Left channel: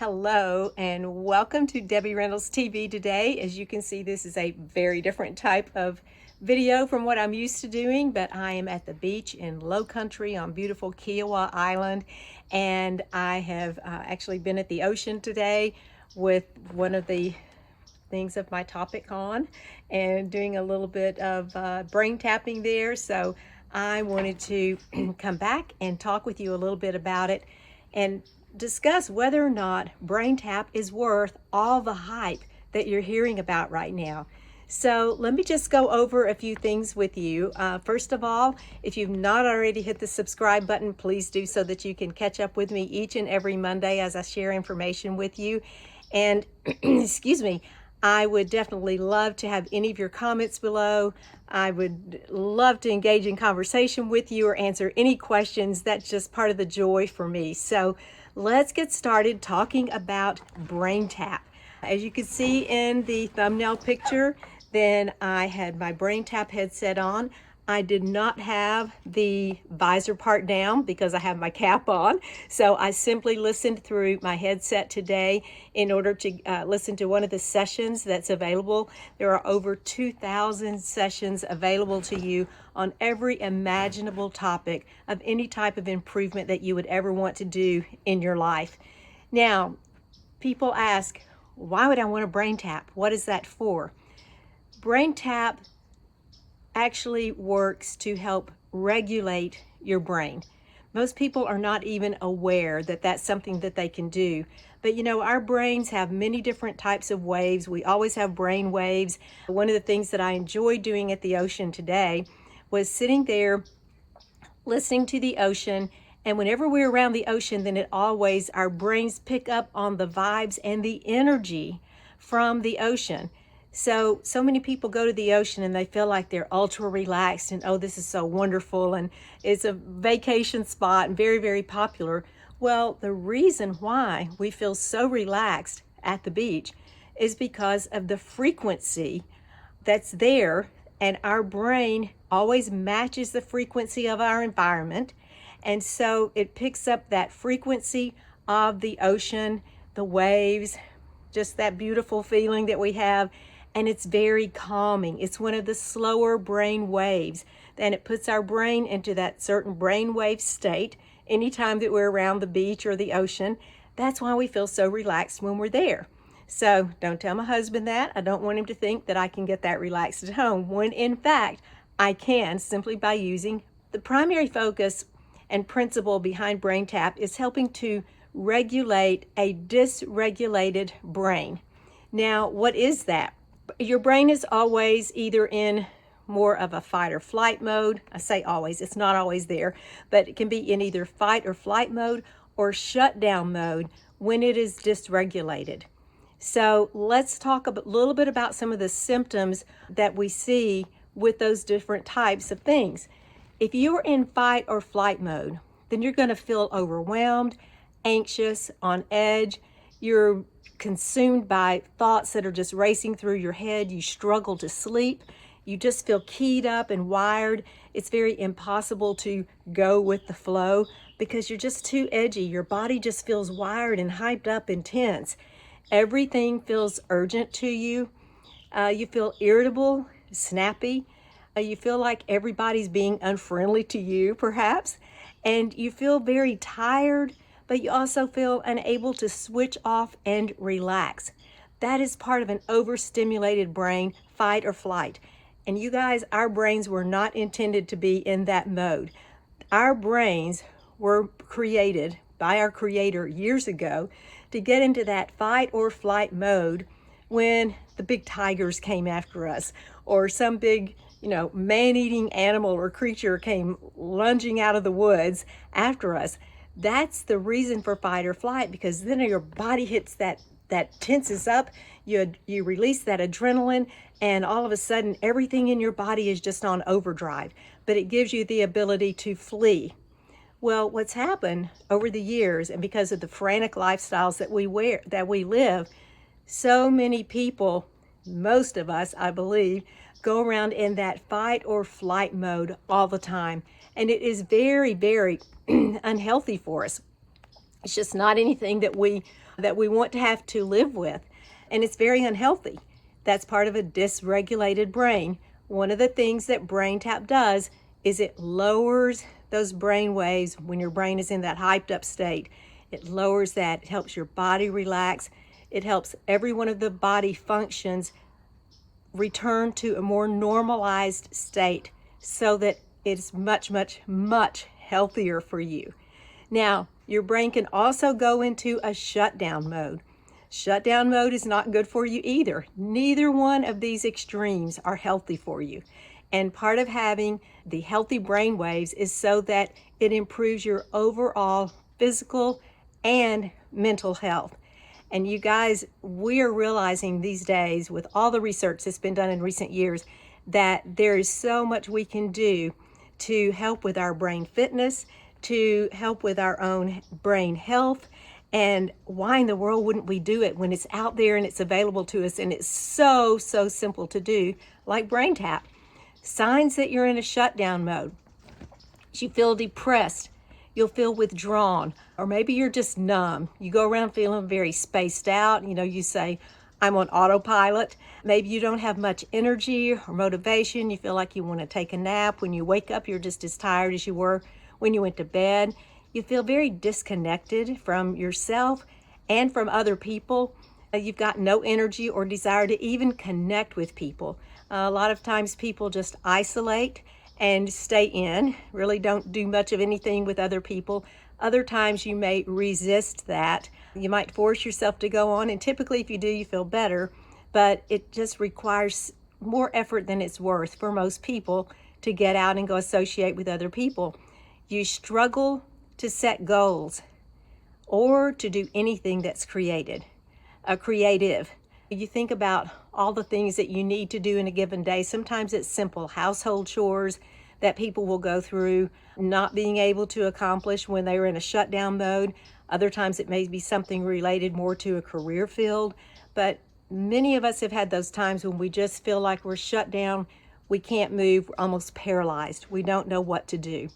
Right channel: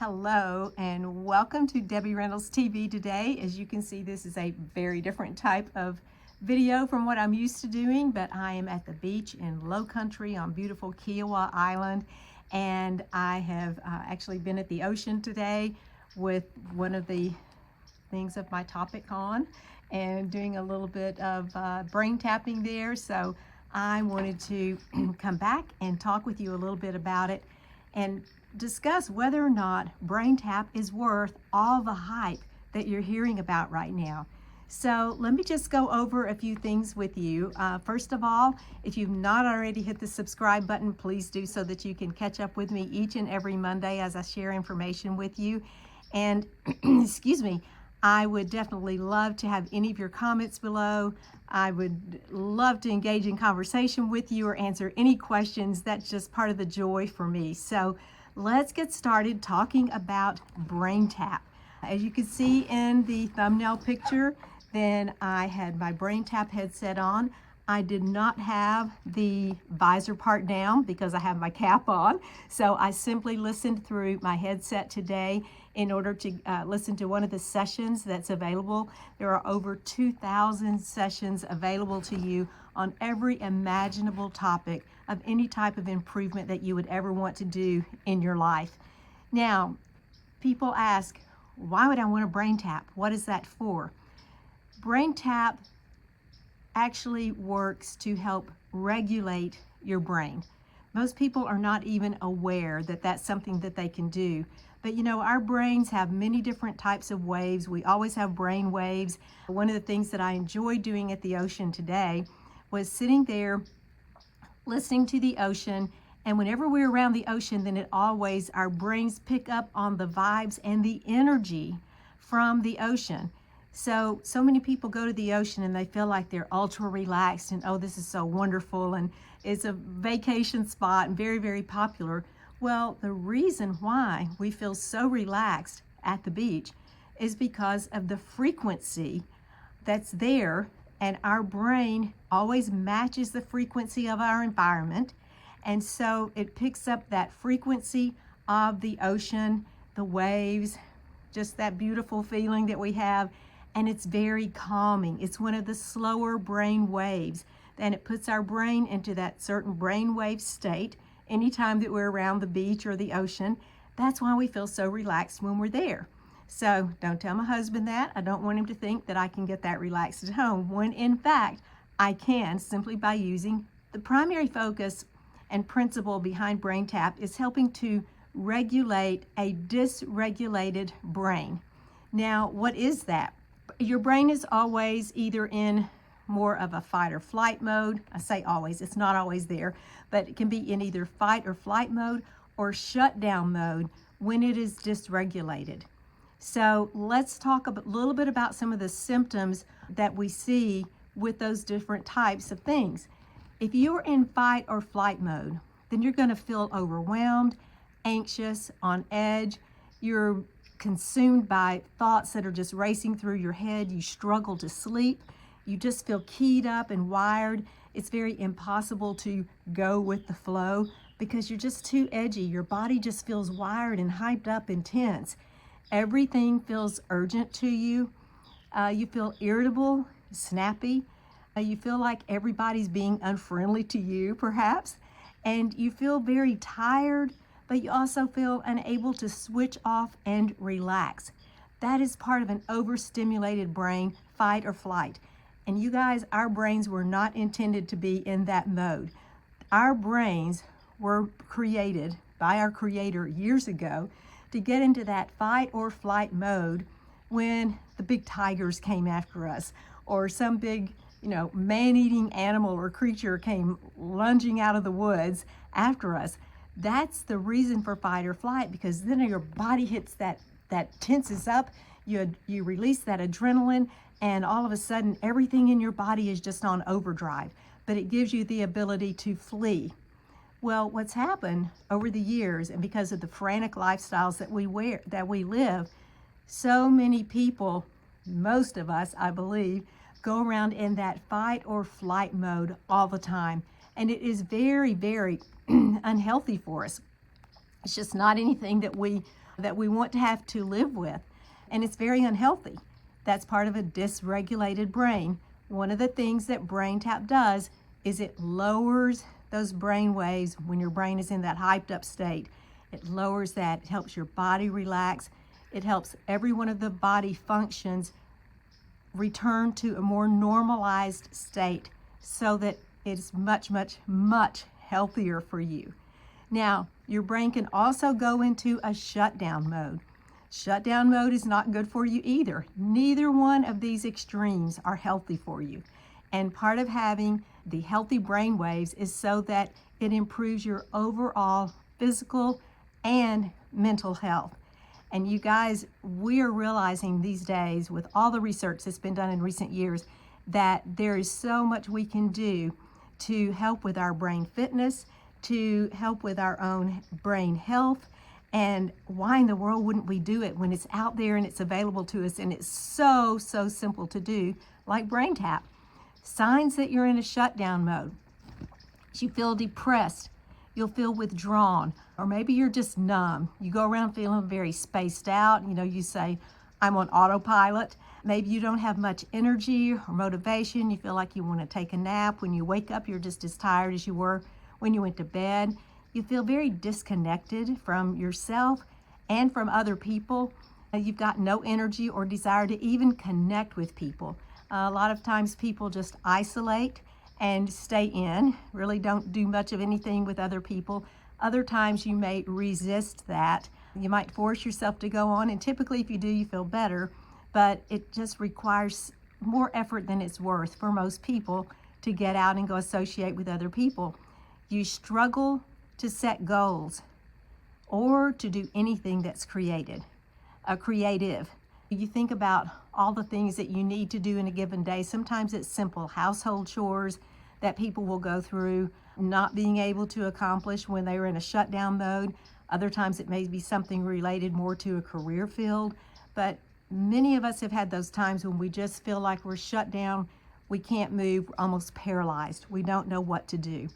Hello and welcome to Debbie Reynolds TV today. As you can see, this is a very different type of video from what I'm used to doing, but I am at the beach in Low Country on beautiful Kiowa Island, and I have actually been at the ocean today with one of the things of my topic on and doing a little bit of brain tapping there. So I wanted to come back and talk with you a little bit about it and discuss whether or not BrainTap is worth all the hype that you're hearing about right now. So let me just go over a few things with you. First of all, if you've not already hit the subscribe button, please do so that you can catch up with me each and every Monday as I share information with you. And excuse me, I would definitely love to have any of your comments below. I would love to engage in conversation with you or answer any questions. That's just part of the joy for me. So let's get started talking about BrainTap. As you can see in the thumbnail picture, then I had my BrainTap headset on. I did not have the visor part down because I have my cap on. So I simply listened through my headset today in order to listen to one of the sessions that's available. There are over 2,000 sessions available to you on every imaginable topic of any type of improvement that you would ever want to do in your life. Now, people ask, why would I want a brain tap? What is that for? Brain tap actually works to help regulate your brain. Most people are not even aware that that's something that they can do. But you know, our brains have many different types of waves. We always have brain waves. One of the things that I enjoyed doing at the ocean today was sitting there listening to the ocean. And whenever we're around the ocean, then our brains pick up on the vibes and the energy from the ocean. So many people go to the ocean and they feel like they're ultra relaxed and, oh, this is so wonderful and it's a vacation spot and very, very popular. Well, the reason why we feel so relaxed at the beach is because of the frequency that's there, and our brain always matches the frequency of our environment. And so it picks up that frequency of the ocean, the waves, just that beautiful feeling that we have. And it's very calming. It's one of the slower brain waves, and it puts our brain into that certain brain wave state anytime that we're around the beach or the ocean. That's why we feel so relaxed when we're there. So don't tell my husband that. I don't want him to think that I can get that relaxed at home, when in fact I can, simply by using the primary focus and principle behind BrainTap is helping to regulate a dysregulated brain. Now, what is that? Your brain is always either in more of a fight or flight mode. I say always, it's not always there, but it can be in either fight or flight mode or shutdown mode when it is dysregulated. So let's talk a little bit about some of the symptoms that we see with those different types of things. If you're in fight or flight mode, then you're going to feel overwhelmed, anxious, on edge. You're consumed by thoughts that are just racing through your head. You struggle to sleep. You just feel keyed up and wired. It's very impossible to go with the flow because you're just too edgy. Your body just feels wired and hyped up and tense. Everything feels urgent to you. You feel irritable, snappy. You feel like everybody's being unfriendly to you, perhaps. And you feel very tired, but you also feel unable to switch off and relax. That is part of an overstimulated brain, fight or flight. And you guys, our brains were not intended to be in that mode. Our brains were created by our creator years ago to get into that fight or flight mode when the big tigers came after us, or some big, man-eating animal or creature came lunging out of the woods after us. That's the reason for fight or flight, because then your body hits that tenses up, you release that adrenaline, and all of a sudden everything in your body is just on overdrive, but it gives you the ability to flee. Well, what's happened over the years, and because of the frantic lifestyles that we live, so many people, most of us, I believe, go around in that fight or flight mode all the time. And it is very, very unhealthy for us. It's just not anything that we want to have to live with, and it's very unhealthy. That's part of a dysregulated brain. One of the things that BrainTap does is it lowers those brain waves when your brain is in that hyped up state. It lowers that. It helps your body relax. It helps every one of the body functions return to a more normalized state so that it's much, much, much healthier for you. Now, your brain can also go into a shutdown mode. Shutdown mode is not good for you either. Neither one of these extremes are healthy for you. And part of having the healthy brain waves is so that it improves your overall physical and mental health. And you guys, we are realizing these days with all the research that's been done in recent years that there is so much we can do to help with our brain fitness, to help with our own brain health. And why in the world wouldn't we do it when it's out there and it's available to us and it's so, so simple to do, like BrainTap. Signs that you're in a shutdown mode. You feel depressed, you'll feel withdrawn, or maybe you're just numb. You go around feeling very spaced out. You say, I'm on autopilot. Maybe you don't have much energy or motivation. You feel like you want to take a nap. When you wake up, you're just as tired as you were when you went to bed. You feel very disconnected from yourself and from other people. You've got no energy or desire to even connect with people. A lot of times people just isolate and stay in, really don't do much of anything with other people. Other times you may resist that. You might force yourself to go on, and typically if you do, you feel better, but it just requires more effort than it's worth for most people to get out and go associate with other people. You struggle to set goals or to do anything that's creative. You think about all the things that you need to do in a given day. Sometimes it's simple household chores that people will go through, not being able to accomplish when they were in a shutdown mode. Other times it may be something related more to a career field. But many of us have had those times when we just feel like we're shut down, we can't move, we're almost paralyzed. We don't know what to do.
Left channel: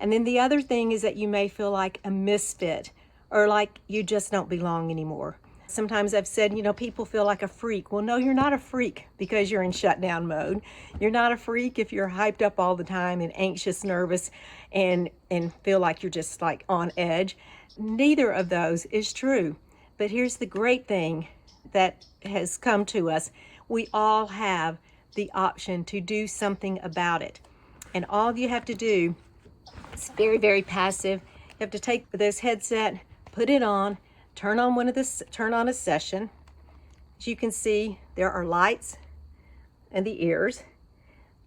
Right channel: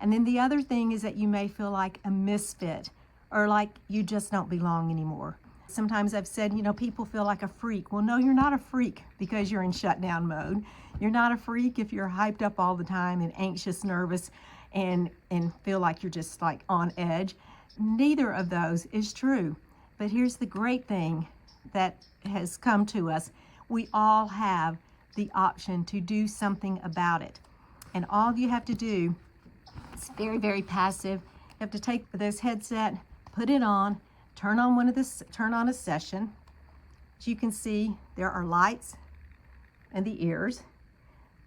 And then the other thing is that you may feel like a misfit or like you just don't belong anymore. Sometimes I've said, people feel like a freak. Well, no, you're not a freak because you're in shutdown mode. You're not a freak if you're hyped up all the time and anxious, nervous, and feel like you're just like on edge. Neither of those is true. But here's the great thing that has come to us. We all have the option to do something about it. And all you have to do, it's very, very passive. You have to take this headset, put it on, turn on a session. As you can see, there are lights in the ears.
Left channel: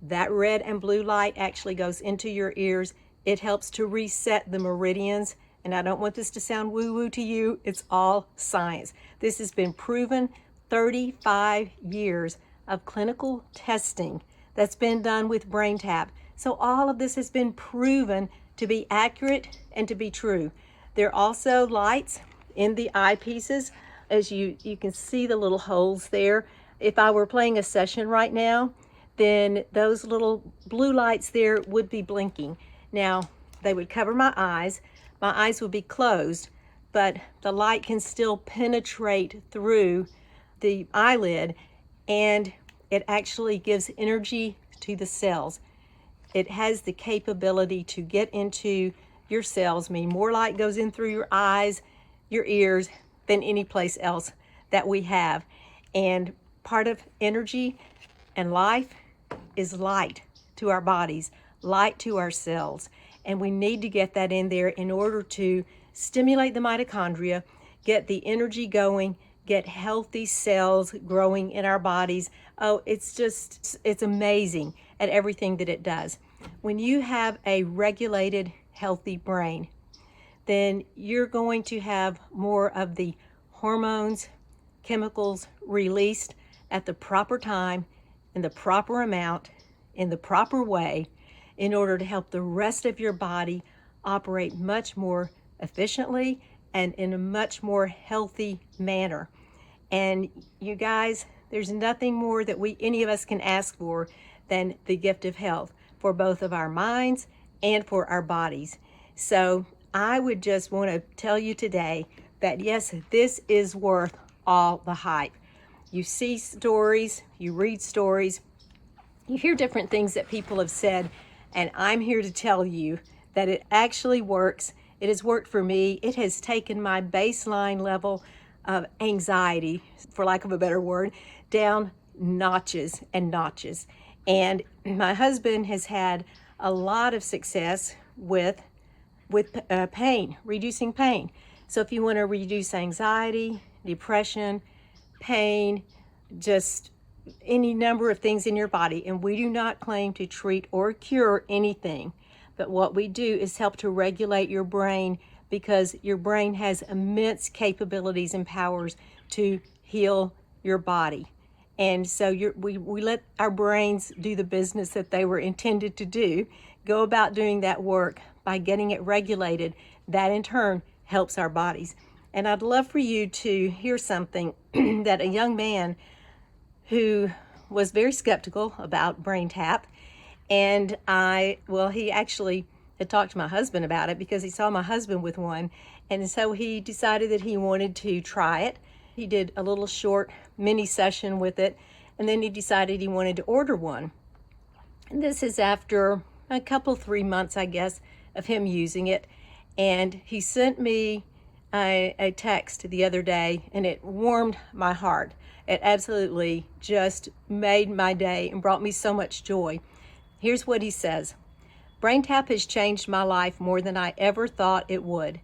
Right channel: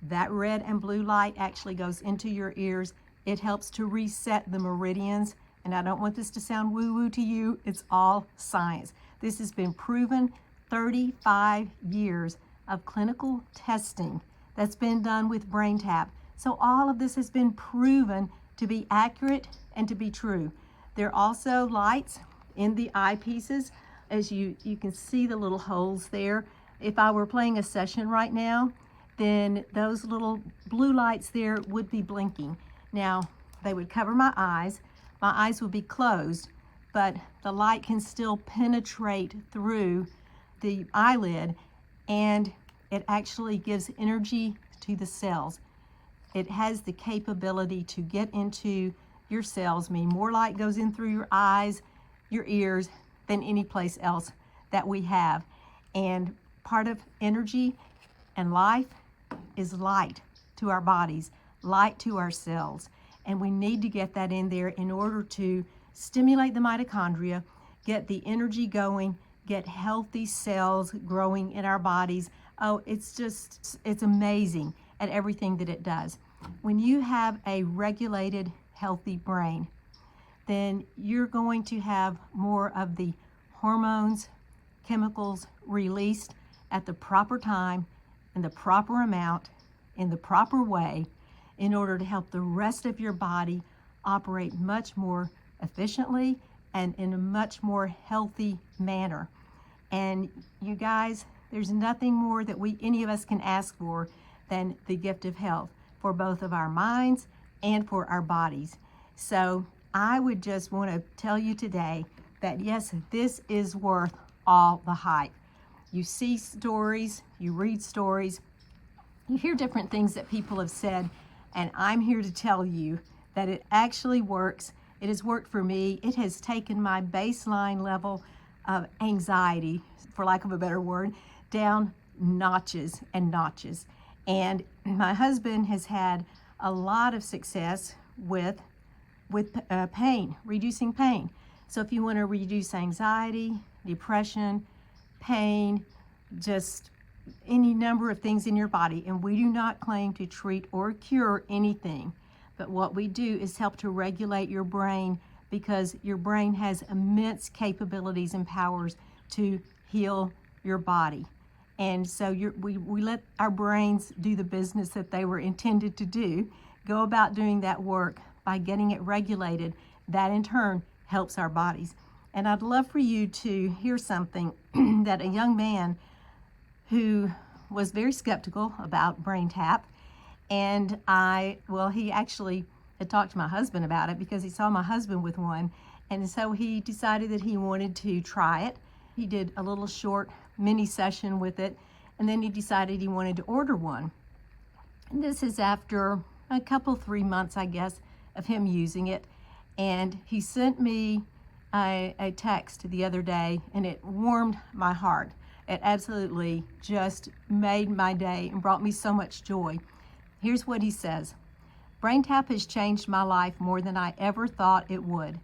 That red and blue light actually goes into your ears. It helps to reset the meridians. And I don't want this to sound woo-woo to you. It's all science. This has been proven. 35 years of clinical testing that's been done with BrainTap. So all of this has been proven to be accurate and to be true. There are also lights in the eyepieces. As you can see the little holes there. If I were playing a session right now, then those little blue lights there would be blinking. Now, they would cover my eyes. My eyes would be closed, but the light can still penetrate through the eyelid, and it actually gives energy to the cells. It has the capability to get into your cells, meaning more light goes in through your eyes, your ears, than any place else that we have. And part of energy and life is light to our bodies, light to our cells. And we need to get that in there in order to stimulate the mitochondria, get the energy going, get healthy cells growing in our bodies. Oh, it's amazing at everything that it does. When you have a regulated, healthy brain, then you're going to have more of the hormones, chemicals released at the proper time, in the proper amount, in the proper way, in order to help the rest of your body operate much more efficiently and in a much more healthy manner. And you guys, there's nothing more that any of us can ask for than the gift of health for both of our minds and for our bodies. So I would just want to tell you today that yes, this is worth all the hype. You see stories, you read stories, you hear different things that people have said, and I'm here to tell you that it actually works. It has worked for me. It has taken my baseline level of anxiety, for lack of a better word, down notches and notches. And my husband has had a lot of success with pain, reducing pain. So if you want to reduce anxiety, depression, pain, just any number of things in your body, and we do not claim to treat or cure anything, but what we do is help to regulate your brain, because your brain has immense capabilities and powers to heal your body. And so we let our brains do the business that they were intended to do, go about doing that work by getting it regulated. That in turn helps our bodies. And I'd love for you to hear something that a young man who was very skeptical about BrainTap, and he actually had talked to my husband about it because he saw my husband with one, and so he decided that he wanted to try it. He did a little short mini session with it, and then he decided he wanted to order one. And this is after a couple, 3 months, I guess, of him using it. And he sent me a text the other day, and it warmed my heart. It absolutely just made my day and brought me so much joy. Here's what he says. BrainTap has changed my life more than I ever thought it would.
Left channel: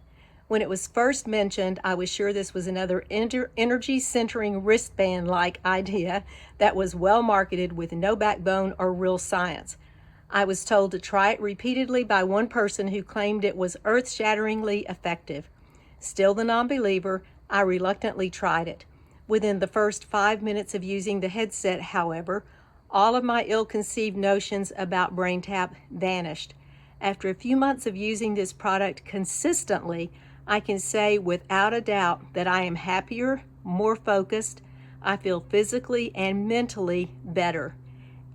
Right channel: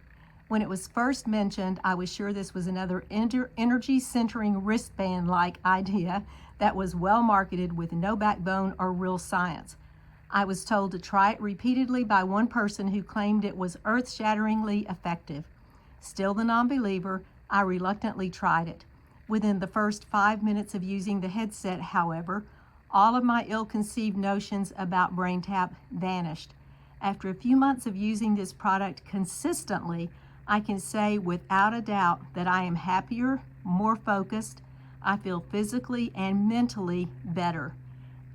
When it was first mentioned, I was sure this was another energy-centering wristband-like idea that was well marketed with no backbone or real science. I was told to try it repeatedly by one person who claimed it was earth-shatteringly effective. Still the non-believer, I reluctantly tried it. Within the first 5 minutes of using the headset, however, all of my ill-conceived notions about BrainTap vanished. After a few months of using this product consistently, I can say without a doubt that I am happier, more focused. I feel physically and mentally better.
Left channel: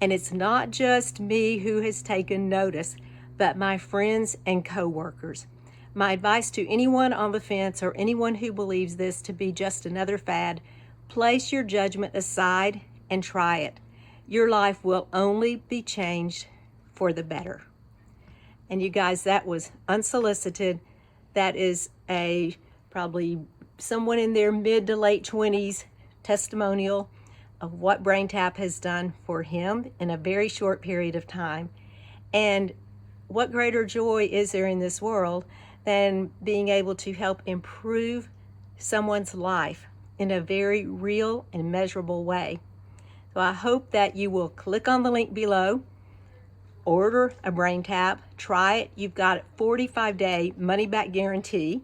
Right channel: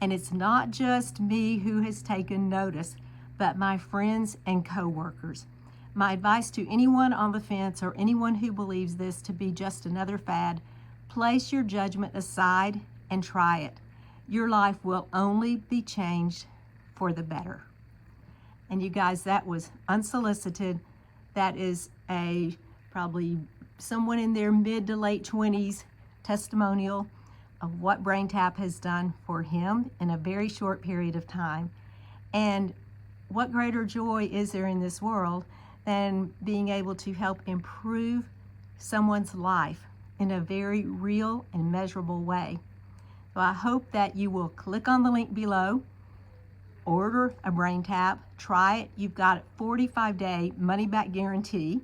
And it's not just me who has taken notice, but my friends and coworkers. My advice to anyone on the fence or anyone who believes this to be just another fad, place your judgment aside and try it. Your life will only be changed for the better. And you guys, that was unsolicited. That is probably someone in their mid to late 20s testimonial of what BrainTap has done for him in a very short period of time. And what greater joy is there in this world than being able to help improve someone's life in a very real and measurable way. So I hope that you will click on the link below, order a BrainTap, try it. You've got a 45-day money-back guarantee.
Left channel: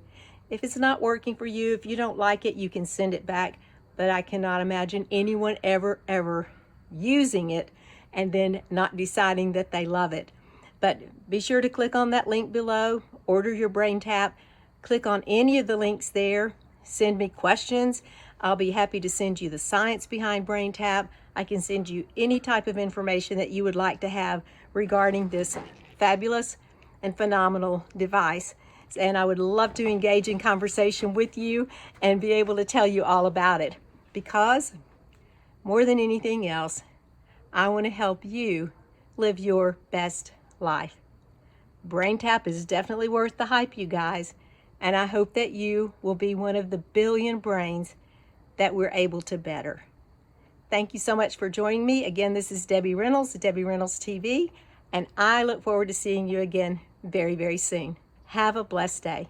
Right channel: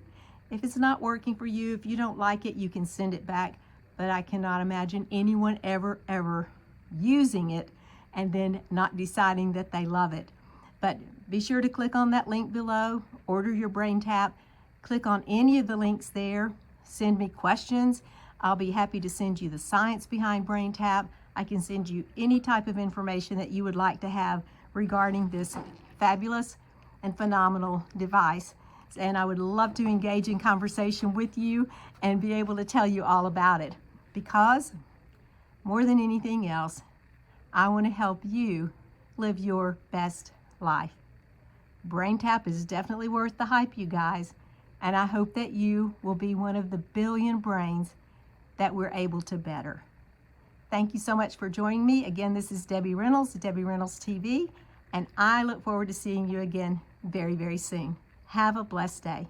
If it's not working for you, if you don't like it, you can send it back. But I cannot imagine anyone ever using it and then not deciding that they love it. But be sure to click on that link below, order your BrainTap, click on any of the links there, send me questions. I'll be happy to send you the science behind BrainTap. I can send you any type of information that you would like to have regarding this fabulous and phenomenal device. And I would love to engage in conversation with you and be able to tell you all about it. Because more than anything else, I want to help you live your best life. BrainTap is definitely worth the hype, you guys, and I hope that you will be one of the billion brains that we're able to better. Thank you so much for joining me. Again, this is Debbie Reynolds, Debbie Reynolds TV, and I look forward to seeing you again very, very soon. Have a blessed day.